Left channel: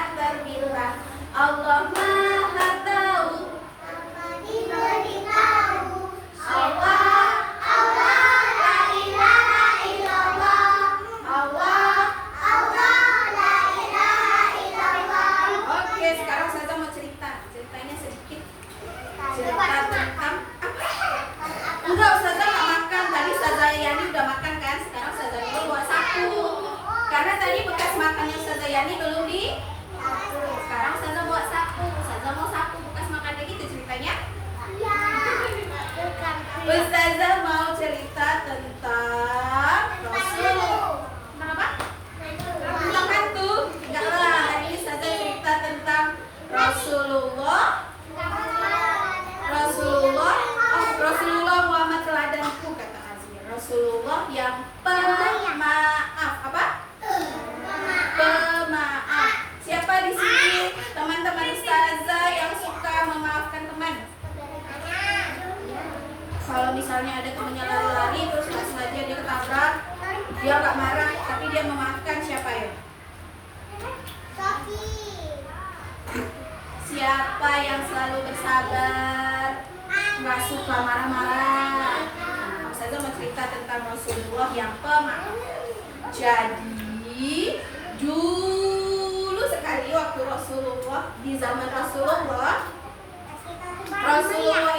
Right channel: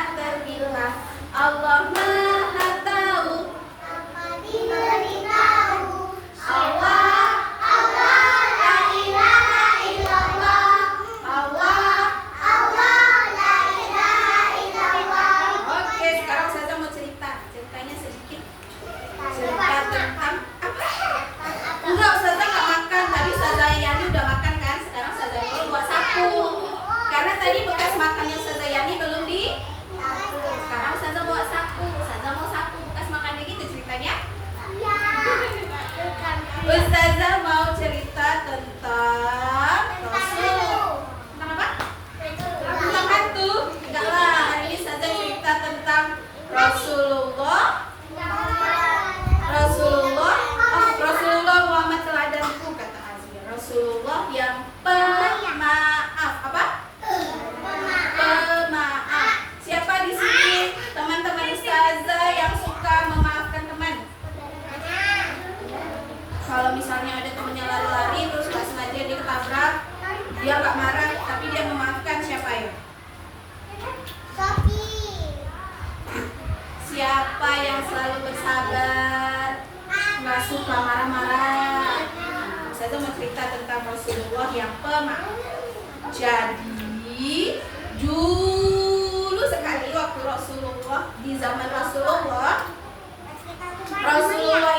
tak terbilang. Allah Maha Tahu, tanpa diberitahu. Allah, Allah, la ilaha illallah. Allah. La ilaha illallah. Oke, sekarang saya mau ceritanya sedikit. Cerita tentang apa? Enggak, Ustazah nggak makan. Tadi Ustazah Yani udah makan kan? Sekarang Ustazah Yani bawa sapu. Karena tadi bekas makannya Ustazah Yani belum di. Sekarang Ustazah bawa sapu. Ustazah mau sapu bekas makannya gitu ceritanya. Ustazah mau cerita tentang Rasul. Tentang apa? Tentang hantu? Enggak lah, hari ini Ustazah cerita tentang Rasulullah Muhammad teladanku, kata Azmi. Rasulullah yang pemaaf. Apa? Pemaaf. Siapa di sini teman-teman Ustazah yang suka memaafkan teman? Kalau misalnya ada temannya lari-lari terus nggak sengaja dia ketabrak, dia nggak marah tapi dia memaafkan, siapa ya? Siapa yang selalu bersabar, nggak suka marah-marah? Saya mau cerita tentang Rasulullah yang pemaaf. Jadi dulu sekali waktu Rasulullah, di zaman Rasulullah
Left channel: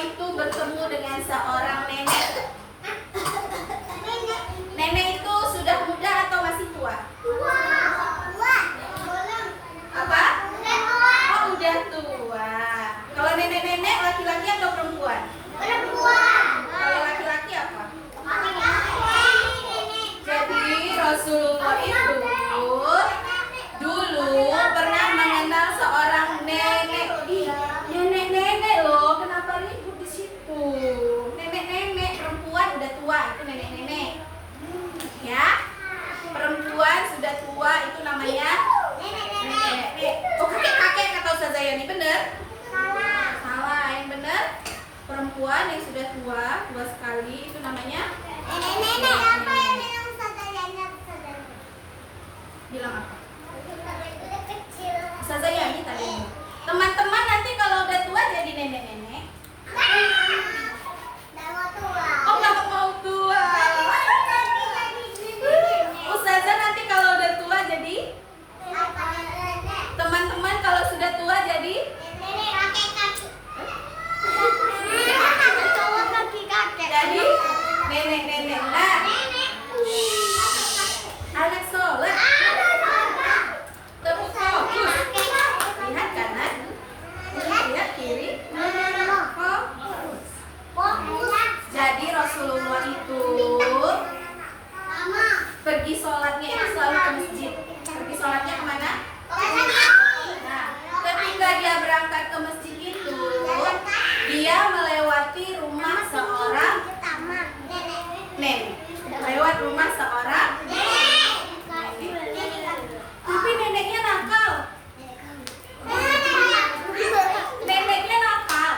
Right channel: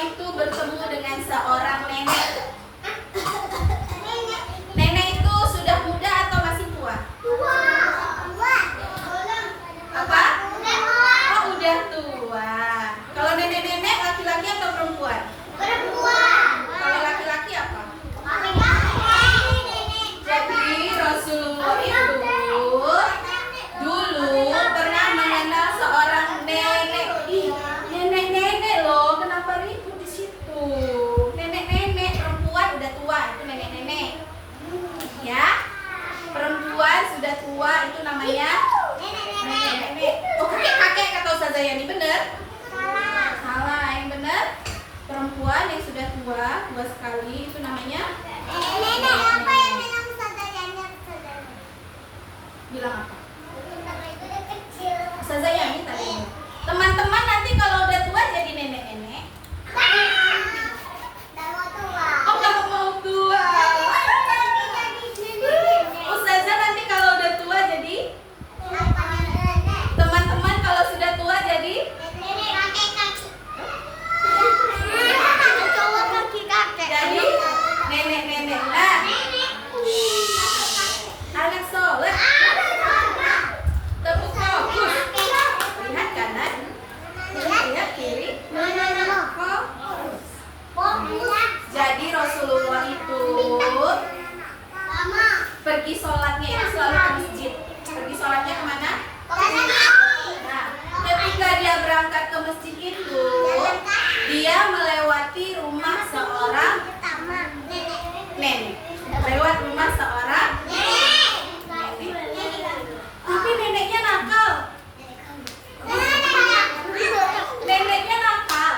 itu bertemu dengan seorang nenek. Nenek itu sudah muda atau masih tua? Apa? Oh, udah tua. Kalau nenek-nenek laki-laki atau perempuan? Kalau laki-laki apa? Jadi Rasulullah itu dulu pernah mengenal seorang nenek. Ih, nenek-nenek loh, kenapa ribut di situ? Nenek-nenek, perempuan udah tua itu nenek-nenek. Ya, perempuan sudah tua itu namanya nenek-nenek. Oh, kakek-kakek kata Ustazah Yani, bener? Salah, yang bener perempuan yang sudah tua sekali itu namanya bilang apa? Ustazah Yani tadi. Teman-teman nanti kalau udah tua jadi nenek-nenek. Oh, nggak mau tua. Ustazah nanti kalau udah tua jadi teman-teman kalau sudah tua jadi jadi nenek-nenek. Nah, anak soleh tepuk fokus, lihat kanan, lihat kiri, fokus. Jadi Rasulullah itu pergi sholatnya itu selalu ke masjid. Pergi sholatnya kemana? Nah, ketika dia berangkat ke masjid itu, dia melewati rumah seorang nenek. Lewat rumah seorang nenek. Tapi neneknya nakal. Neneknya nakal.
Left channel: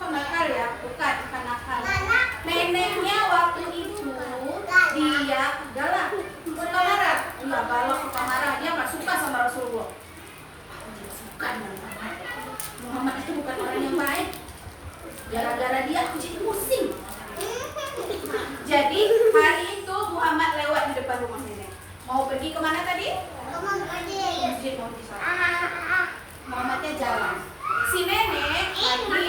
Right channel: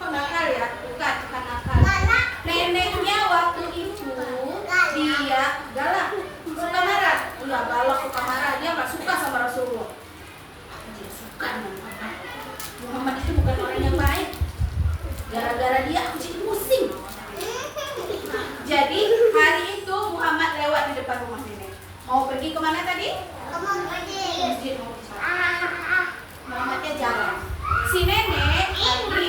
Kok nakal ya? Bukan nakal. Neneknya waktu itu dia galak, suka marah. Iya, galak, suka marah. Dia nggak suka sama Rasulullah. Dia suka sama Muhammad. Muhammad itu bukan orang yang baik. Gara-gara dia aku jadi pusing. Jadi hari itu Muhammad lewat di depan rumah nenek. Mau pergi kemana tadi? Masjid, mau pergi sholat. Muhammadnya jalan. Si nenek lagi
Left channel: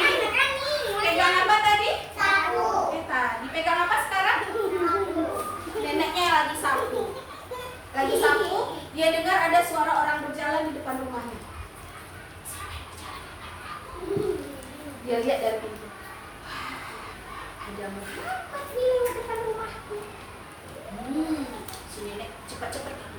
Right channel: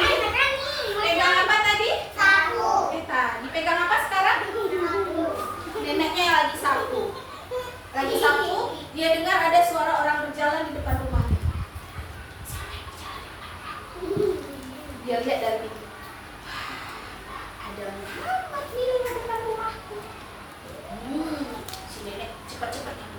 pegang apa tadi? Sapu. Dipegang apa sekarang? Neneknya lagi sapu. Dia dengar ada suara orang berjalan di depan rumahnya. Dia lihat dari pintu. Ada Muhammad di depan rumahku. Si nenek cepat-cepat kan.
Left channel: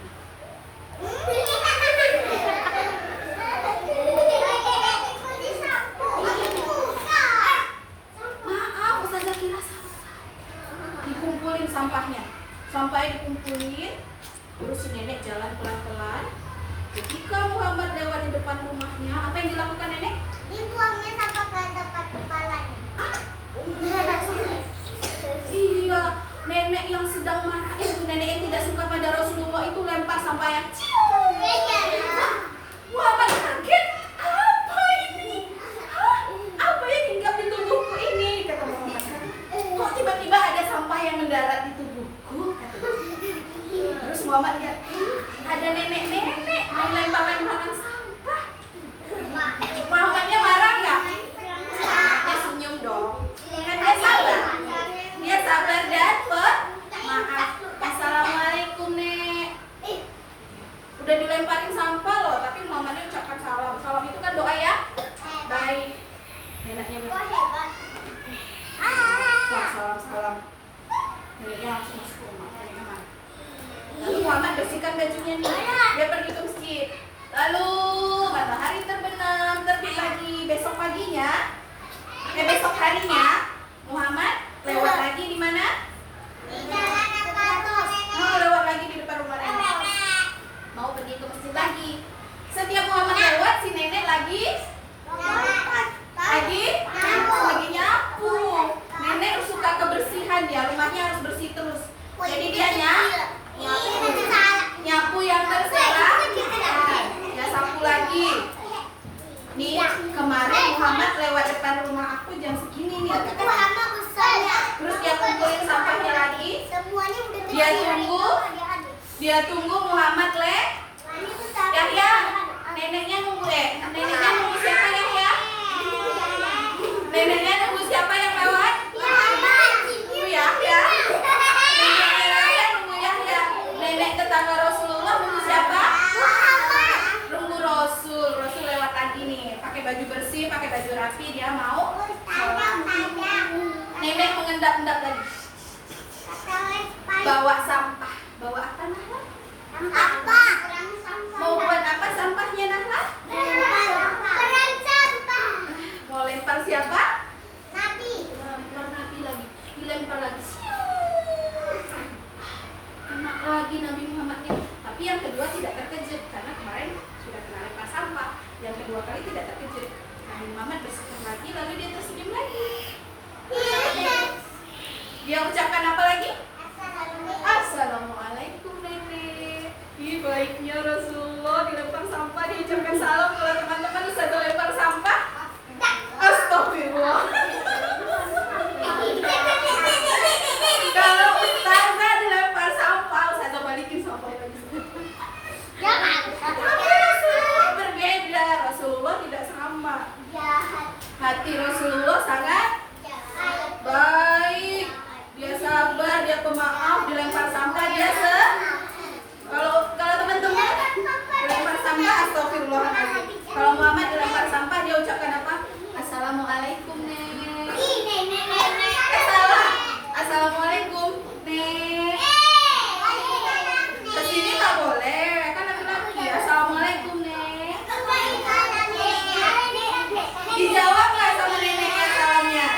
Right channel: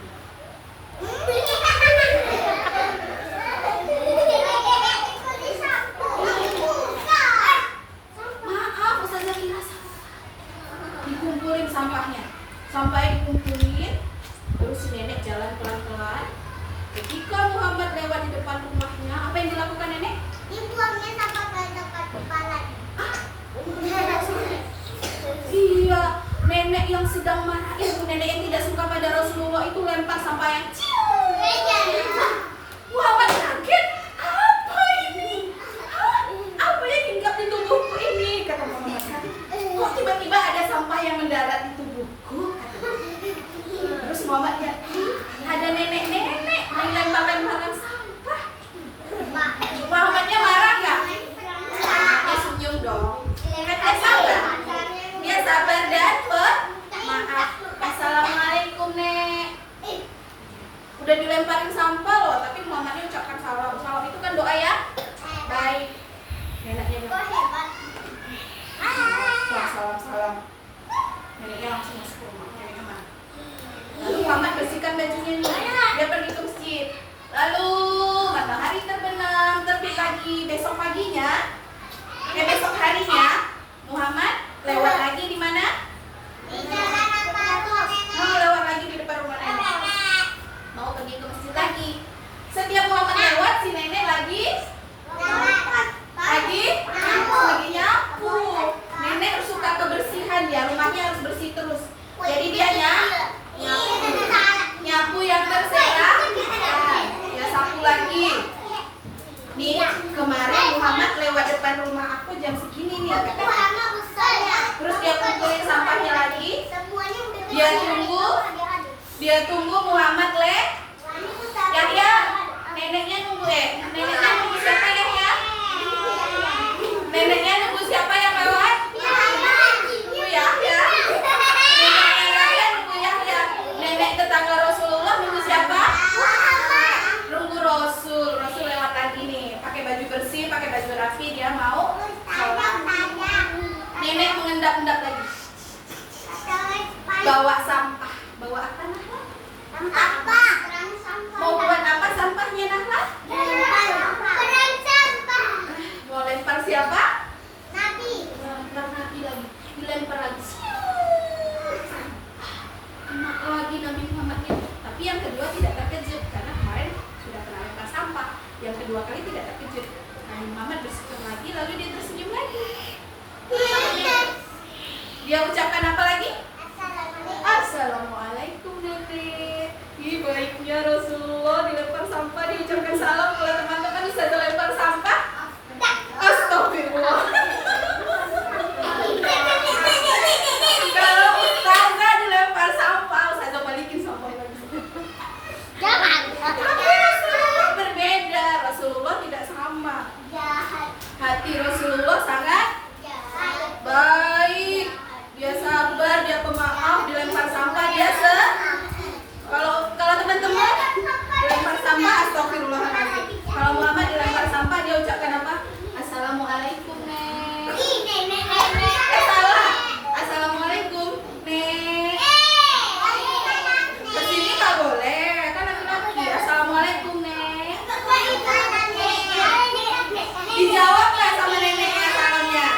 Maaf, Ustazah kira sampah. Dikumpulin sampahnya. Sampai dikumpulin, terus si nenek jalan pelan-pelan. Ketika Muhammad lewat di depan rumahnya, apa yang dilakukan nenek? Dibuangnya sampah ke tempat kepalanya. Iya, nenek yang sedang marah itu, nenek yang tidak suka pada Rasulullah itu lempar sampah yang bajunya nih. Dia pergi ke masjid. Lalu matahari terbenam, terbit lagi. Besok paginya, besok harinya, Muhammad lewat lagi di mana? Oh, lewat lagi di depan rumah nenek. Mau pergi ke masjid lagi. Setiap Muhammad lewat, si nenek lagi nyapu. Nenek suka kebersihan dia, rumahnya harus bersih terus. Jadi dia nyapu yang terserak, ya sapu lagi. Nih kemarin Muhammad lewat depan rumah aku jam segini nih. Terus dia kumpulin sampahnya lagi. Dia tunggu Muhammad Yahya. Neneknya nunggu siapa Yahya? Neneknya nunggu siapa yang lewat? Nunggu Yahya. Neneknya nunggu Yahya. Nenek tetangga Rasulullah nunggu siapa? Nunggu Rasul lewat lagi nih, pakai baju bersih, pakai baju rapi, dia mau sholat. Nenek mengendap-endap lagi. Bawa sampah. Bawa apa Nahla? Mau buat apa sampahnya Nahla? Mau lempar siapa? Nabi lagi. Dilempar lagi. Kena lagi Nabi Muhammad ini. Tapi yang kedua tidak terkejut karena kemarin sudah pernah lempar sampah. Yang kedua kali tidak terkejut. Nabi Muhammad bersyukur lagi, lalu dia tersenyum lagi. Dia ucapkan apa lagi? Assalamualaikum nenek. Ih, baiknya Rasulullah dilempar sampah, diucapkan salam. Kalau teman-teman bisa lempar sampah, astagfirullah. Kalau ustazah dilempar sampah, ustazah balikin sampah lagi. Tapi Rasulullah berbeda. Rasulullah tidak sama. Hati Rasulullah sangat baik. Dia sabar, dia pemaaf, dilempar sampah dia kalau teman-teman dilempar sampah astagfirullahaladzim. Kalau Muhammad dilempar sampah dia ucapkan apa? Assalamualaikum nek. Salah. Assalamualaikum nek. Kesini nggak boleh, kan laki-laki. Assalamualaikum nek. Dijawab nggak sama neneknya salamnya?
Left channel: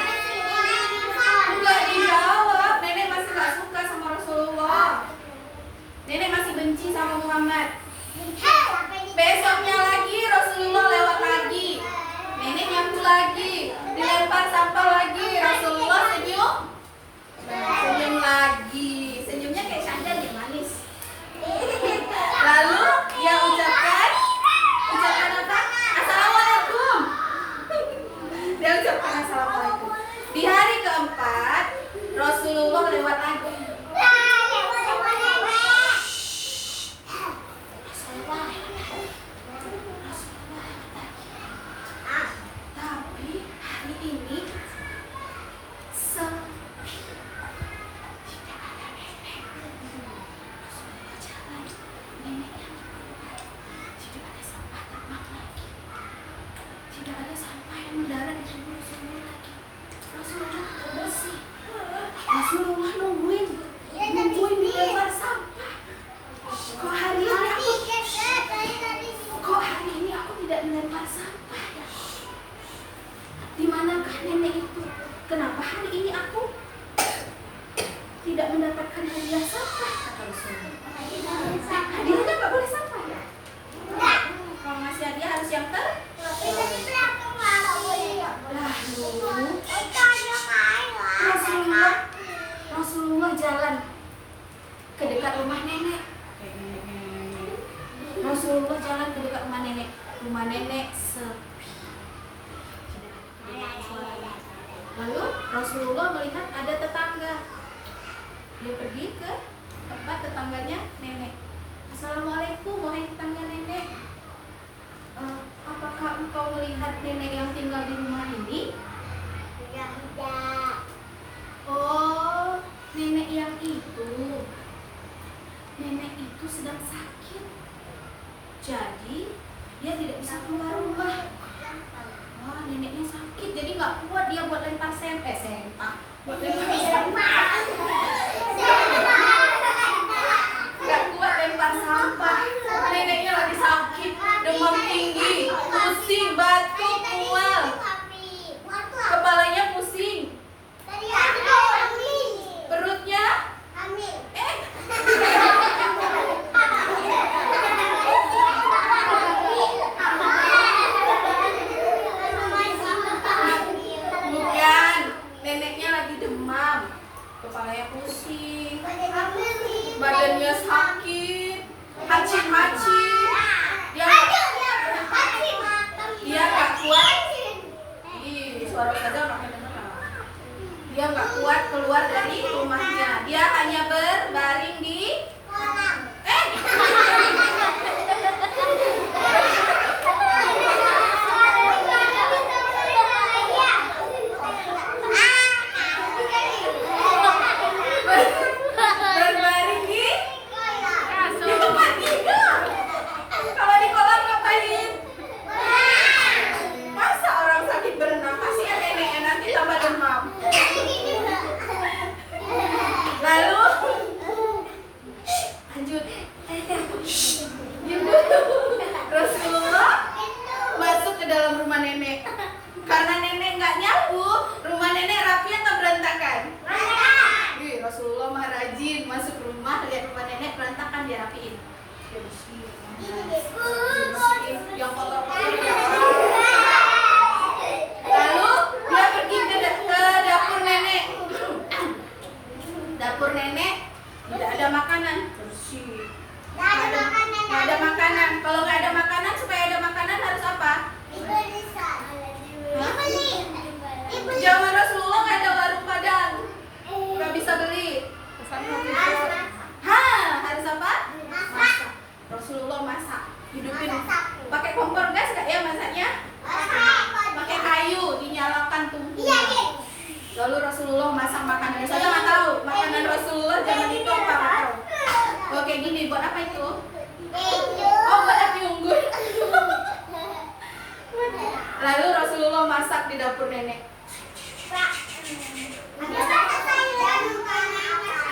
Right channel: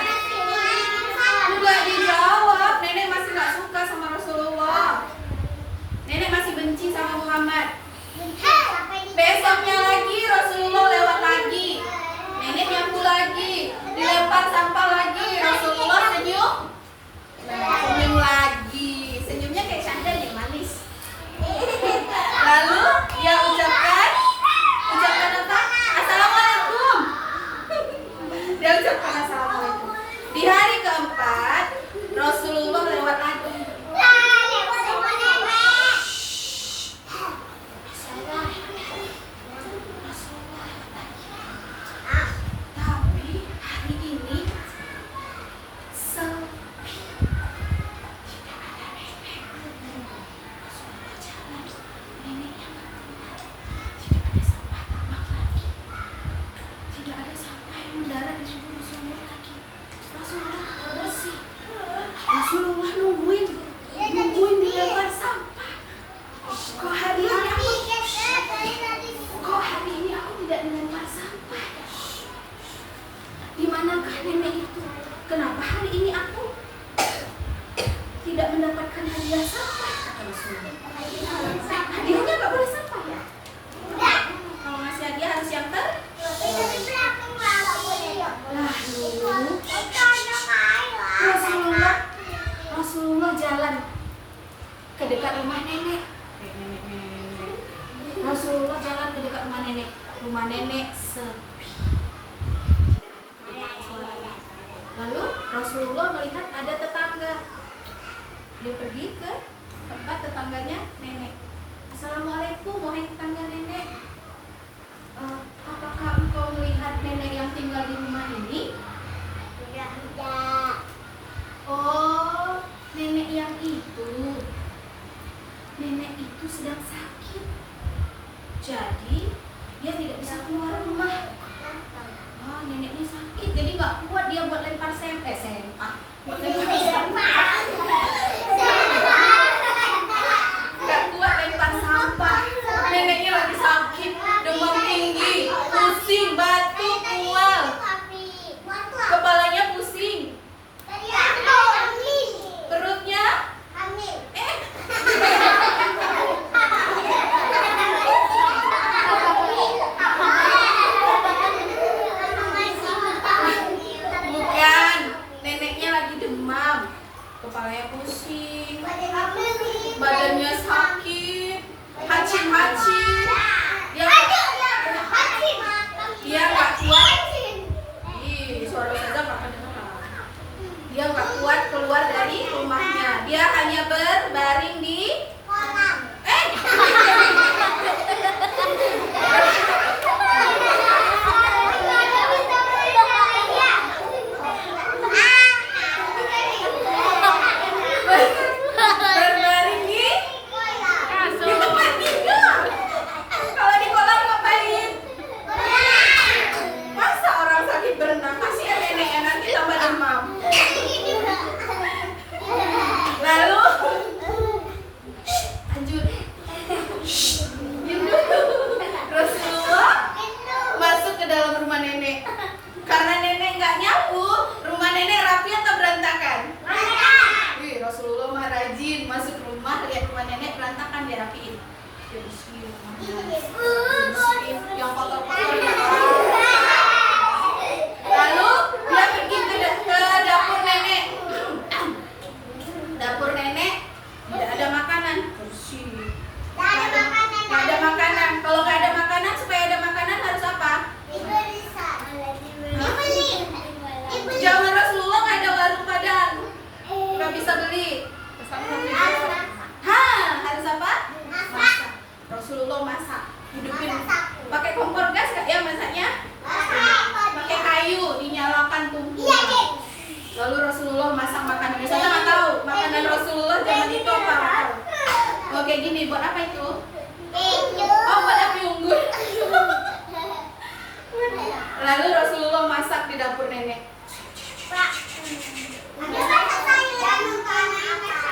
Enggak dijawab. Nenek masih nggak suka sama Rasulullah. Nenek masih benci sama Muhammad. Besoknya lagi Rasulullah lewat lagi. Nenek nyapu lagi, dilempar sampah lagi. Rasulullah senyum lagi. Senyumnya kayak Syahdan yang manis. Lalu dia ucapkan apa? Assalamualaikum. Dia ucapkan assalamualaikum. Di hari keempat Rasulullah lewat lagi. Rasulullah nungguin dilempar sampah. Kok hari ini aku tidak dilempar sampah ya? Di manakah nenek itu? Kenapa hari ini aku tidak mendapatkan hadiah sampah? Kata Rasulullah. Hadiahnya nggak boleh sampah ya? Kalau ngasih hadiah harus yang Rasulullah jalan ke dekat rumah nenek. Rasulullah jalan ke dekat rumah nenek. Rumah nenek sepi. Lalu Rasulullah melihat ada tetangga. Dia pergi ke tempat tetangganya nenek. Assalamualaikum, wahai tetangga nenek. Apakah engkau melihat nenek yang tinggal di rumah ini? Tidak. Oh, nenek yang itu. Nenek itu sedang sakit. Jadi dia tidak bisa keluar rumah. Wah, neneknya sakit, jadi nggak kuat dia buat lempar sempak. Buat lempar sempak. Nggak kuat lempar sampah. batuk, mual, kepalanya pusing, perutnya bukan, neneknya lagi demam, kepalanya pusing, badannya sakit, hacin-hacin, dia nggak kuat. Ih, suara Ustazah nggak kedengeran. Dia nggak kuat keluar dari rumahnya. Dia hanya berbaring di berbaring di tempat tidur. Kalau di kolam ngapain? Masa orang sakit berenang? Kasihan neneknya nanti tambah demam. Lalu lanjut. Diam dulu. Rasulullah masuk ke dalam rumah nenek. Karena nenek nggak nyapu, rumah nenek rapi atau berantakan? Ih, Rasulullah mah rajin masuk rumah, lihat rumah nenek berantakan dia rapiin. Dia bersihin rumahnya, bersihin yang kotor-kotor. Lalu dia pergi ke dapur nenek. Dapur nenek tidak ada makanan, bersih. Nggak ada makanan. Kalau nggak ada makanan, supaya ada makanan harus apa? Zaman Rasulullah nggak ada warung Padang, nggak bisa beli. Pesan kopi. Harus apa? Masak. Rasulullah masak, hidupin. Pakai kompor gas nggak ya masaknya? Pakai kayu, dinyalakan tungku. Lalu Rasulullah masak makanan. Saya nggak tahu makanan Rasulullah zaman itu apa. Oke gini, buat apa itu? Oh, buat api unggun. Lalu Rasulullah masak di dapur nenek.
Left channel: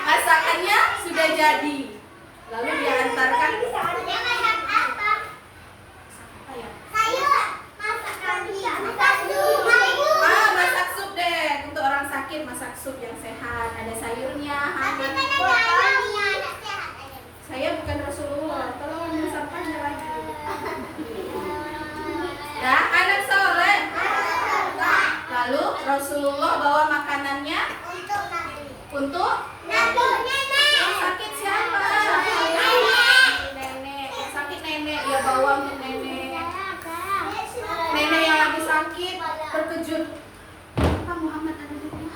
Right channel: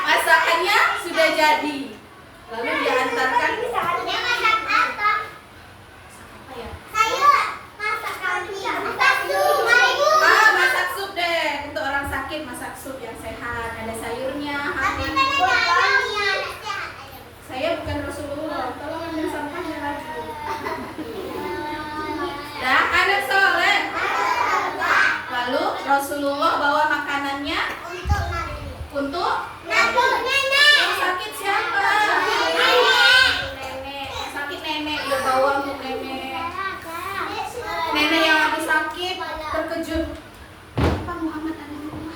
Masakannya sudah jadi. Lalu dia antarkan. Masak sup deh. Untuk orang sakit masak sup yang sehat. Ada sayurnya, hangat. Saya bukan Rasulullah. Tolong ambil sampahnya lagi. Dah, anak soleh. Lalu Rasulullah bawa makanannya untuk yang sakit siapa? Nenek. Yang sakit nenek, ya bawa untuk nenek. Nenek yang lagi sakit terkejut. Pak Muhammad ada di rumah.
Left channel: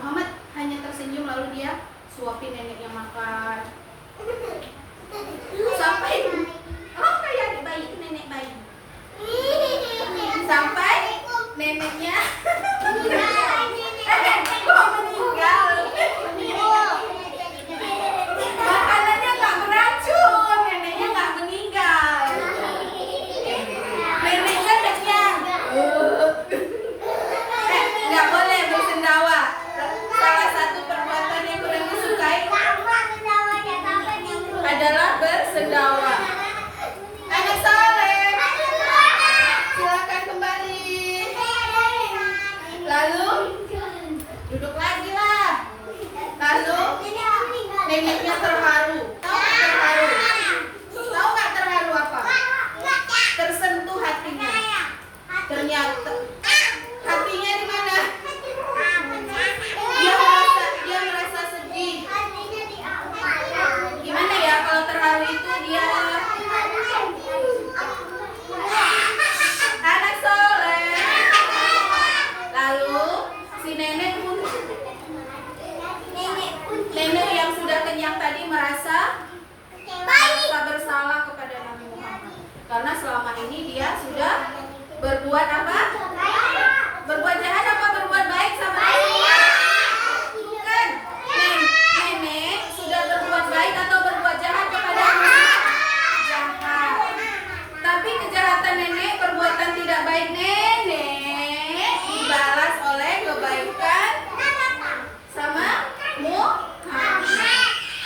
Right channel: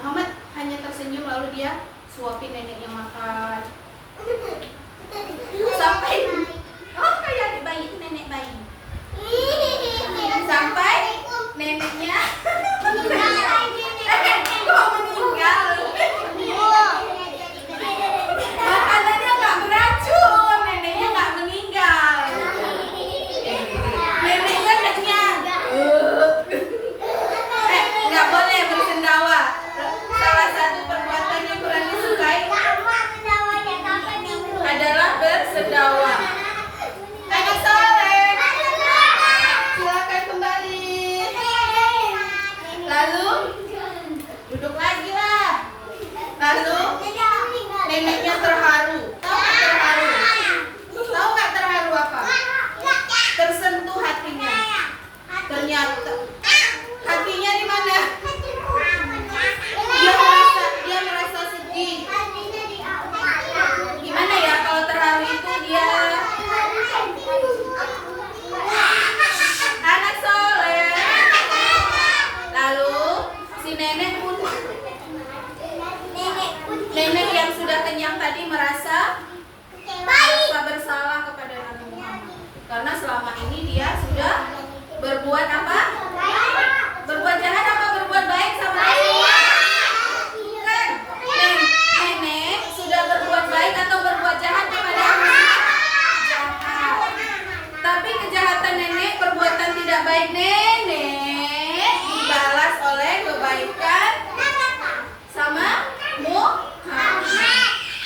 Muhammad hanya tersenyum lalu dia suapin neneknya makan. Sampai kayak adik bayi itu nenek bayi. Sampai neneknya kok meninggal. Makanannya nggak beracun, neneknya nggak meninggal. Neneknya kenyang. Nggak boleh bersendawa. Salah satu perbuatan yang kurang disukai adalah bersendawa. Anak soleh, silakan kembali. Lalu duduk lagi lah. Lalu neneknya terharu. Tahu nggak terharu? Tahu nggak terharu apa? Tersentuh hatinya. Ternyata hatinya di mana? Dia merasa sedih. Gimana ya kalau terharu itu dia anak soleh. Lalu si nenek yang sudah kenyang tadi merasa bersalah kepada Nabi Muhammad karena selama ini dia sudah berbuat apa? Berbuat jahat apa berbuat baik sama Nabi Muhammad? Bukan. Nenek sudah berbuat baik atau berbuat jahat kepada Nabi? Jahat. Tapi kejahatan nenek, perbuatan tidak baik nenek dibalas oleh kebaikan sama Muhammad.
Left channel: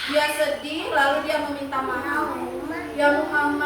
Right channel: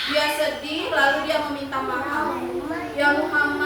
Dia sedih lalu dia meminta maaf. Ya Muhammad,